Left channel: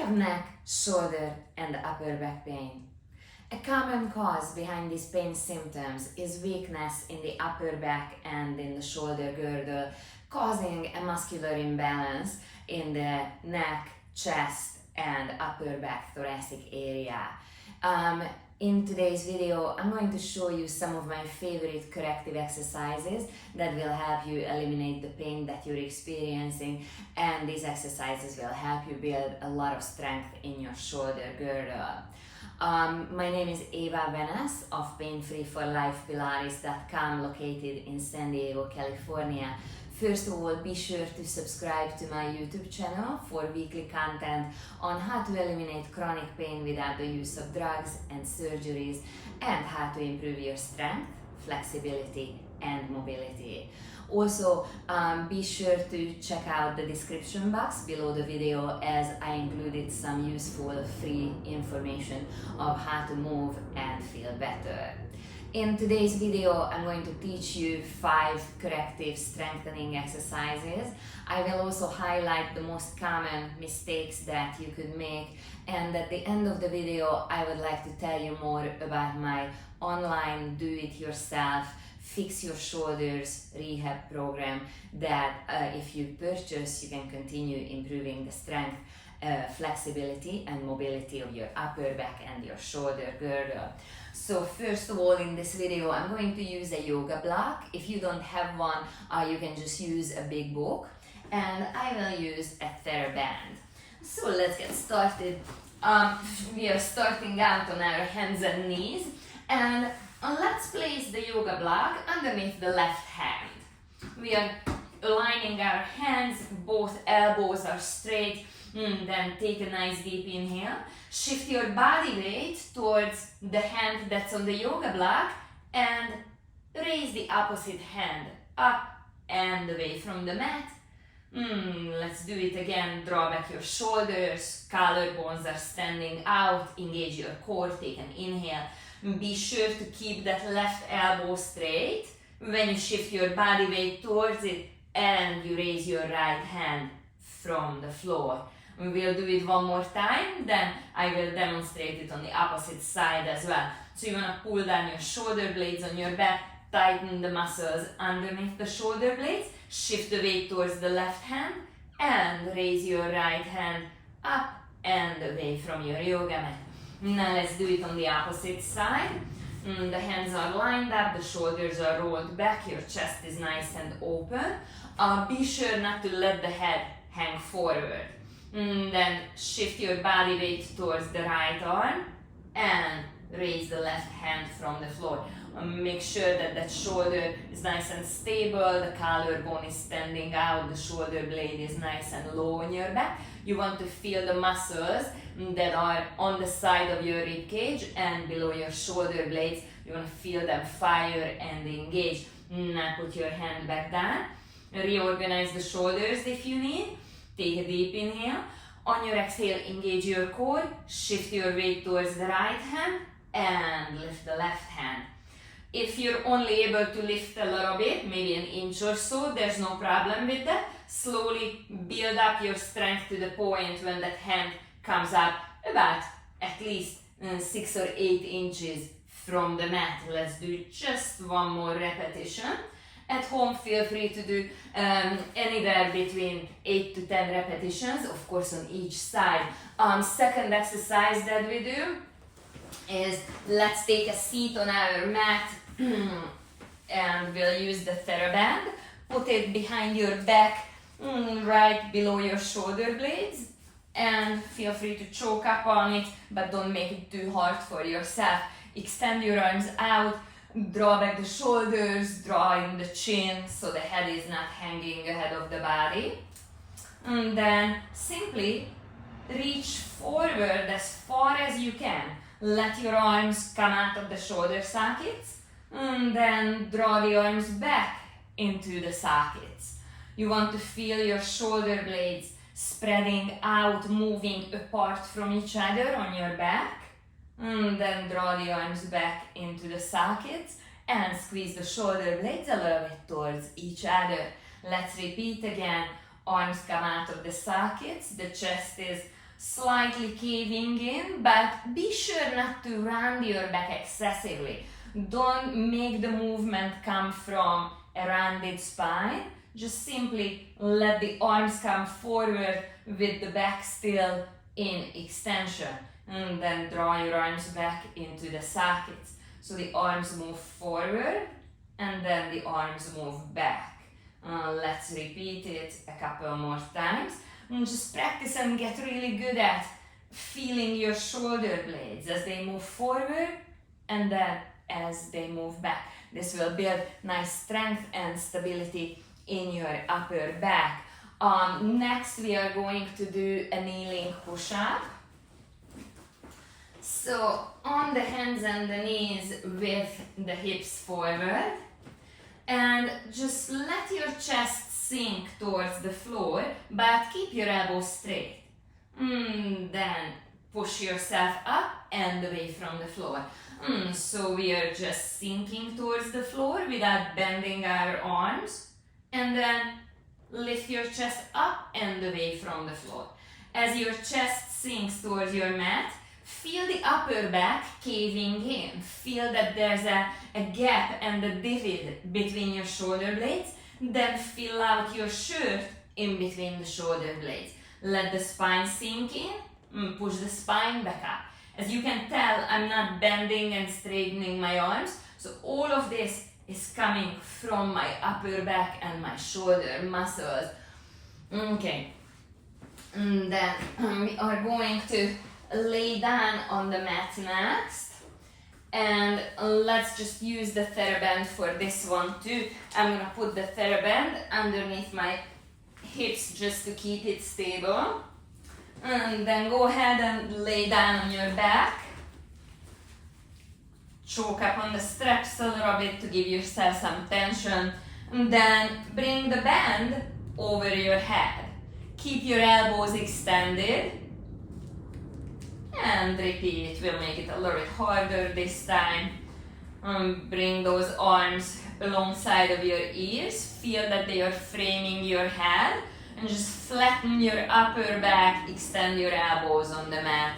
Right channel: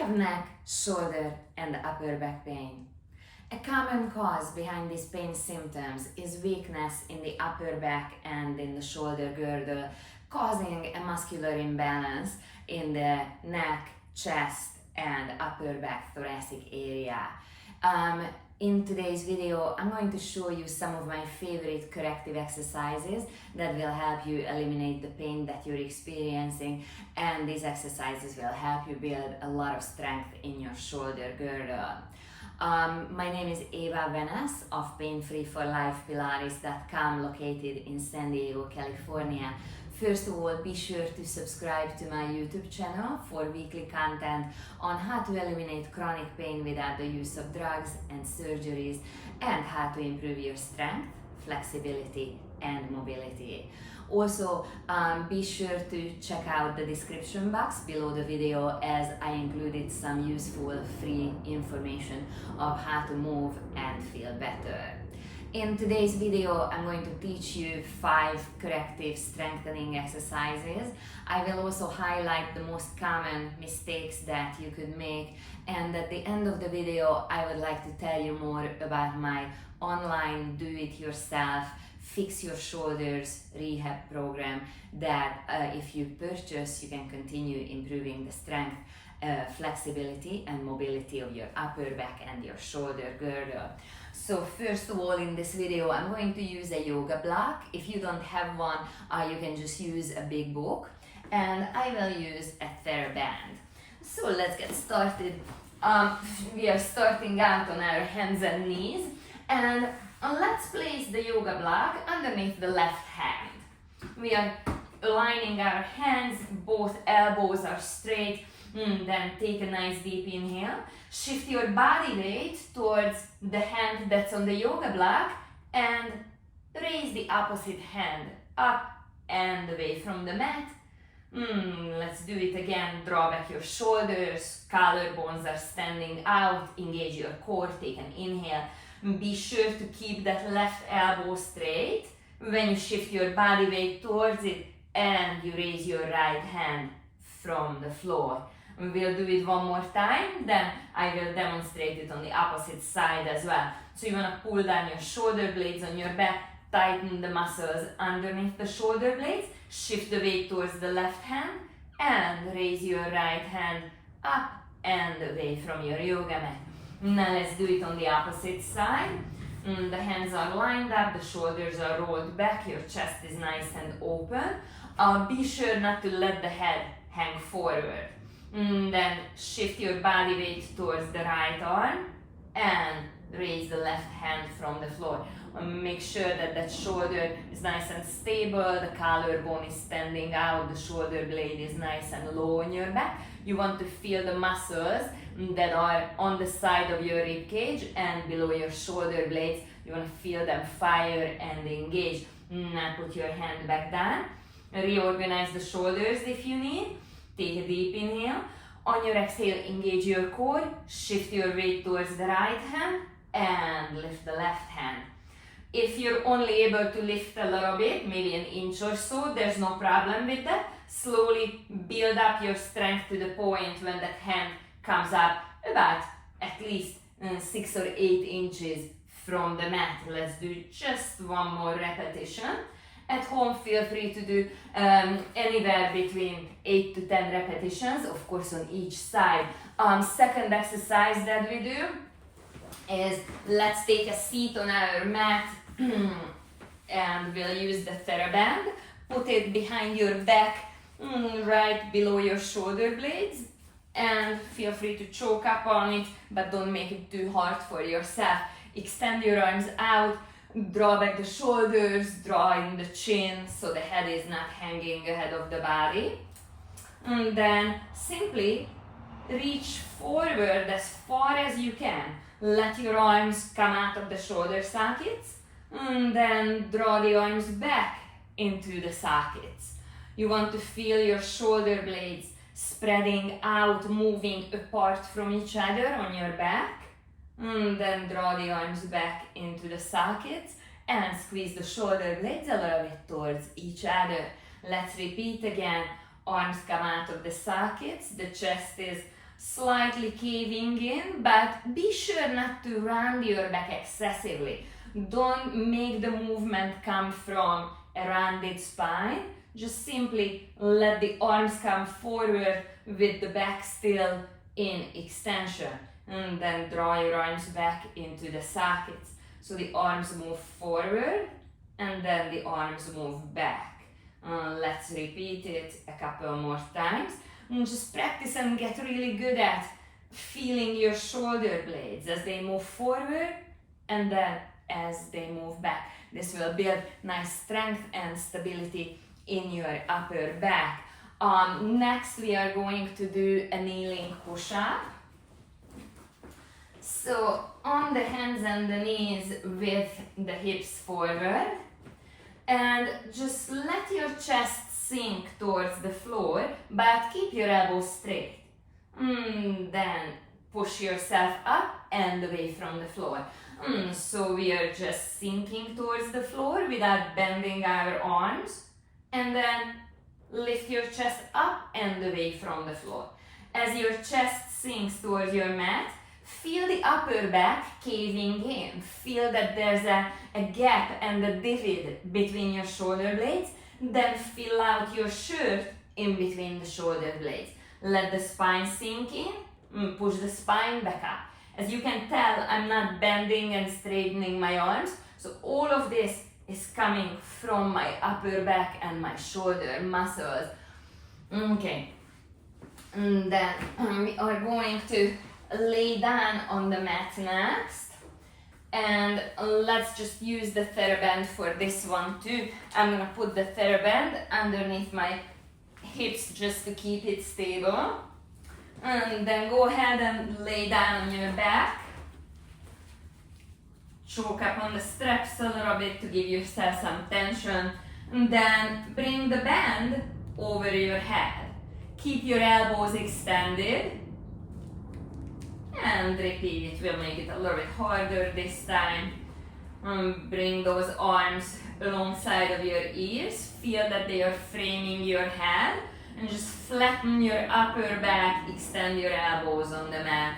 have neck, shoulder, and upper back pain? A common cause behind these pain symptoms is weakness in the upper back and in the shoulder girdle, causing a muscular imbalance in the neck, chest, and upper back thoracic area. In today's video, I'm going to show you some of my favorite corrective exercises that will help you eliminate the pain that you're experiencing, and these exercises will help you build a lot of strength in your shoulder girdle. My name is Eva Venas of PainFree for Life Pilates.com, located in San Diego, California. First of all, be sure to subscribe to my YouTube channel for weekly content on how to eliminate chronic pain without the use of drugs and surgeries, and how to improve your strength, flexibility, and mobility. Also, be sure to check out the description box below the video, as I included some useful free information of how to move and feel better. In today's video, I'm going to teach you 5 corrective strengthening exercises. I will also highlight the most common mistakes that you could make, and at the end of the video, I would like to tell you more about my online do-it-yourself Fix Your Shoulders rehab program that if you purchase, you can continue improving the strength, flexibility, and mobility of your upper back and your shoulder girdle. So first of all, in this video, I'm going to use a yoga block. If you don't have one, you can just use a big book, and I will use a TheraBand. So let's get started. We are starting out on our hands and knees, and let's place the yoga block underneath the left hand. We are aligning our hands, both elbows are straight. Then take a nice deep inhale. Shift your body weight towards the hand that's on the yoga block and raise the opposite hand up and away from the mat. Let's do it again. Draw back your shoulders, collarbones are standing out, engage your core, take an inhale. Be sure to keep that left elbow straight when you shift your body weight towards it and you raise your right hand from the floor. We will do it one more time, then I will demonstrate it on the opposite side as well. So you want to pull down your shoulder blades on your back, tighten the muscles underneath the shoulder blades, shift the weight towards the left hand, and raise your right hand up and away from your yoga mat. Now let's do it on the opposite side. The hands are lined up, the shoulders are rolled back, your chest is nice and open. Be sure not to let the head hang forward. Then shift your body weight towards the right arm and raise the left hand from the floor. Make sure that that shoulder is nice and stable, the collarbone is standing out, the shoulder blade is nice and low on your back. You want to feel the muscles that are on the side of your rib cage and below your shoulder blades. You want to feel them fire and engage. Now put your hand back down. Reorganize the shoulders if you need. Take a deep inhale. On your exhale, engage your core. Shift your weight towards the right hand and lift the left hand. If you're only able to lift a little bit, maybe an inch or so, there's no problem with that. Slowly build up your strength to the point when that hand comes up about at least 6 or 8 inches from the mat. Let's do just one more repetition. At home, feel free to do anywhere between 8 to 10 repetitions, of course on each side. Second exercise that we do is, let's take a seat on our mat and we'll use the TheraBand. Put it behind your back, right below your shoulder blades, and feel free to choke up on it, but don't make it too hard for yourself. Extend your arms out. Draw back the shoulders, draw in the chin so the head is not hanging ahead of the body. And then simply reach forward as far as you can. Let your arms come out of the shoulder sockets, and then draw the arms back into the sockets. You want to feel your shoulder blades spreading out, moving apart from each other on your back. And then draw the arms back into the sockets and squeeze the shoulder blades a little bit towards each other. Let's repeat again. Arms come out of the sockets, the chest is slightly caving in, but be sure not to round your back excessively. Don't make the movement come from a rounded spine. Just simply let the arms come forward with the back still in extension. And then draw your arms back into the sockets. So the arms move forward and then the arms move back. Let's repeat it a couple more times. And just practice and get really good at feeling your shoulder blades as they move forward and then as they move back. This will build nice strength and stability in your upper back. Next, we are going to do a kneeling push-up. So on the hands and the knees with the hips forward, and just let your chest sink towards the floor, but keep your elbows straight. Then push yourself up and away from the floor. So we are just sinking towards the floor without bending our arms, and then lift your chest up and away from the floor. As your chest sinks towards your mat, feel the upper back caving in. Feel that there's a gap and a divot between your shoulder blades. Then fill out your shirt in between the shoulder blades. Let the spine sink in. Push the spine back up. As you can tell, I'm not bending and straightening my arms. So all of this is coming from my upper back and my shoulder muscles. Okay. And then we are going to lay down on the mat next, and let's just use the TheraBand for this one too. I'm gonna put the TheraBand underneath my hips just to keep it stable, and then go ahead and lay down on your back. Choke up on the straps a little bit to give yourself some tension, and then bring the band over your head. Keep your elbows extended. And repeat, we'll make it a little bit harder this time. Bring those arms alongside of your ears. Feel that they are framing your head. And just flatten your upper back, extend your elbows on the mat.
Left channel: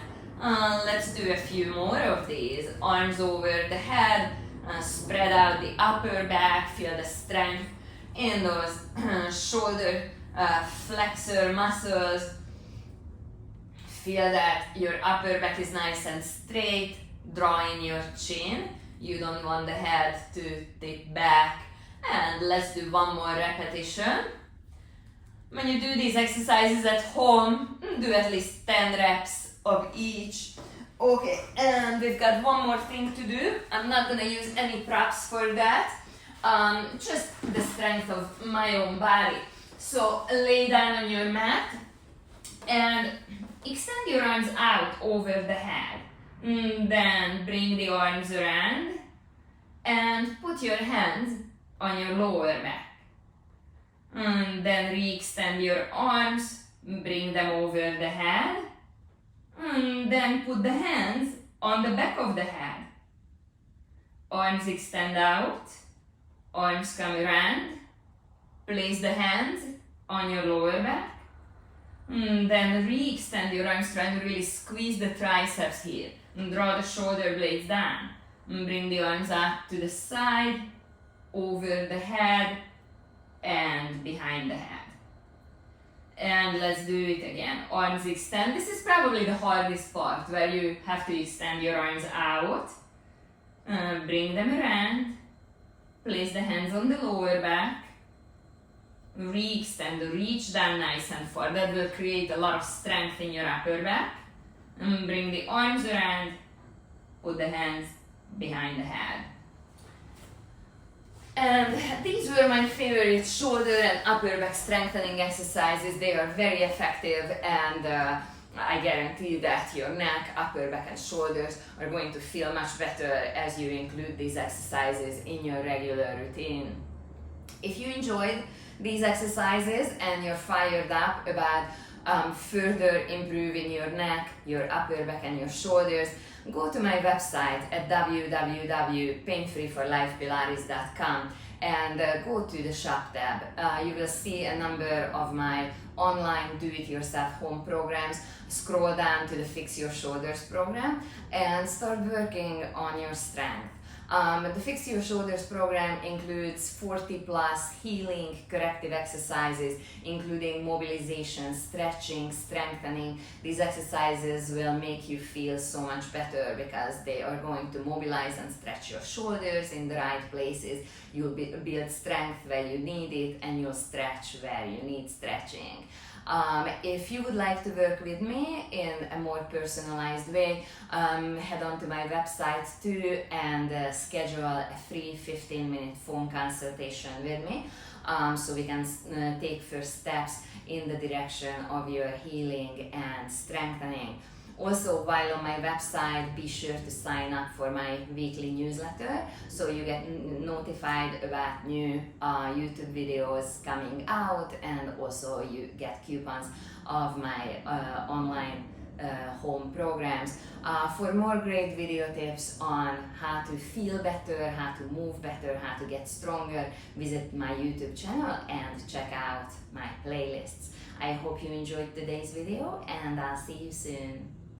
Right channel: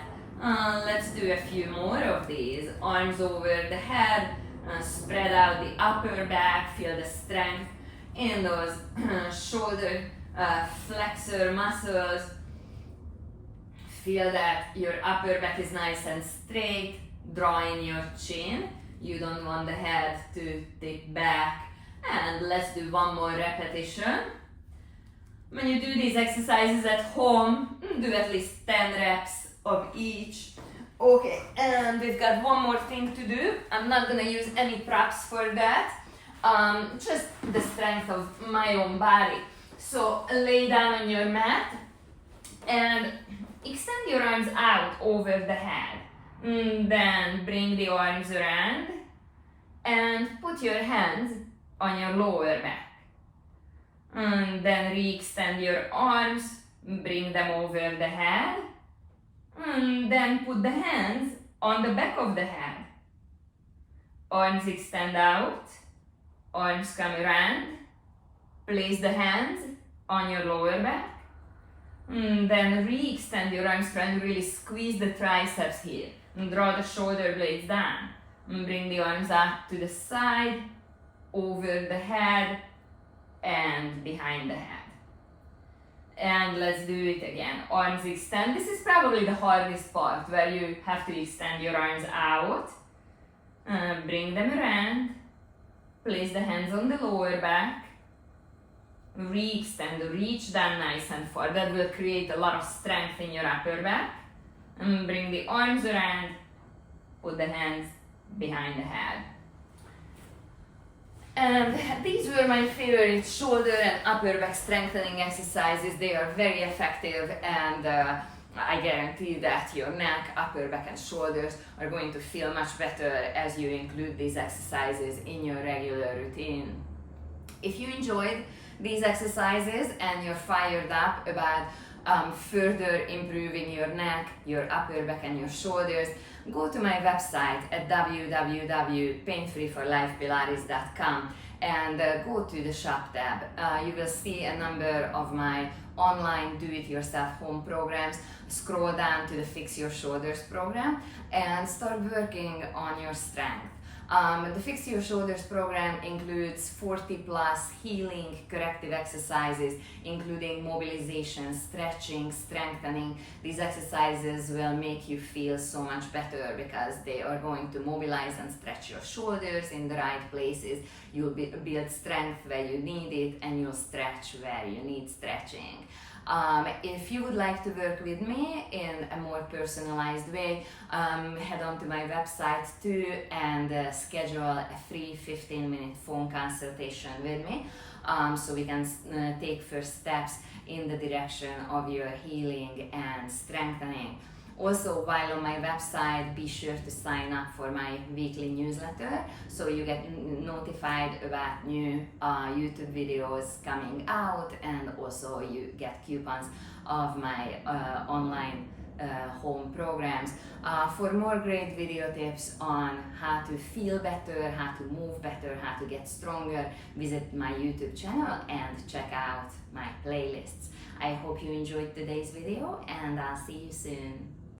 Let's do a few more of these. Arms over the head, spread out the upper back. Feel the strength in those shoulder flexor muscles. Feel that your upper back is nice and straight. Draw in your chin. You don't want the head to tip back. And let's do one more repetition. When you do these exercises at home, do at least 10 reps of each. Okay, and we've got one more thing to do. I'm not gonna use any props for that. Just the strength of my own body. So lay down on your mat and extend your arms out over the head. Then bring the arms around and put your hands on your lower back. Then re-extend your arms, bring them over the head. Then put the hands on the back of the head. Arms extend out, arms come around. Place the hands on your lower back. Then re-extend your arms, trying to really squeeze the triceps here. Draw the shoulder blades down. Bring the arms up to the side, over the head, and behind the head. And let's do it again. Arms extend. This is probably the hardest part, where you have to extend your arms out. Bring them around. Place the hands on the lower back. Re-extend, reach down nice and far. That will create a lot of strength in your upper back. And bring the arms around, put the hands behind the head. And these were my favorite shoulder and upper back strengthening exercises. They are very effective, and I guarantee that your neck, upper back and shoulders are going to feel much better as you include these exercises in your regular routine. If you enjoyed these exercises and you're fired up about further improving your neck, your upper back and your shoulders, go to my website at www.painfreeforlifepilates.com and go to the shop tab. You will see a number of my online do-it-yourself home programs. Scroll down to the Fix Your Shoulders program and start working on your strength. The Fix Your Shoulders program includes 40 plus healing corrective exercises, including mobilization, stretching, strengthening. These exercises will make you feel so much better because they are going to mobilize and stretch your shoulders in the right places. You'll build strength where you need it, and you'll stretch where you need stretching. If you would like to work with me in a more personalized way, head on to my website too and schedule a free 15-minute phone consultation with me so we can take first steps in the direction of your healing and strengthening. Also, while on my website, be sure to sign up for my weekly newsletter so you get notified about new YouTube videos coming out, and also you get coupons of my online home programs. For more great video tips on how to feel better, how to move better, how to get stronger, visit my YouTube channel and check out my playlists. I hope you enjoyed today's video, and I'll see you soon.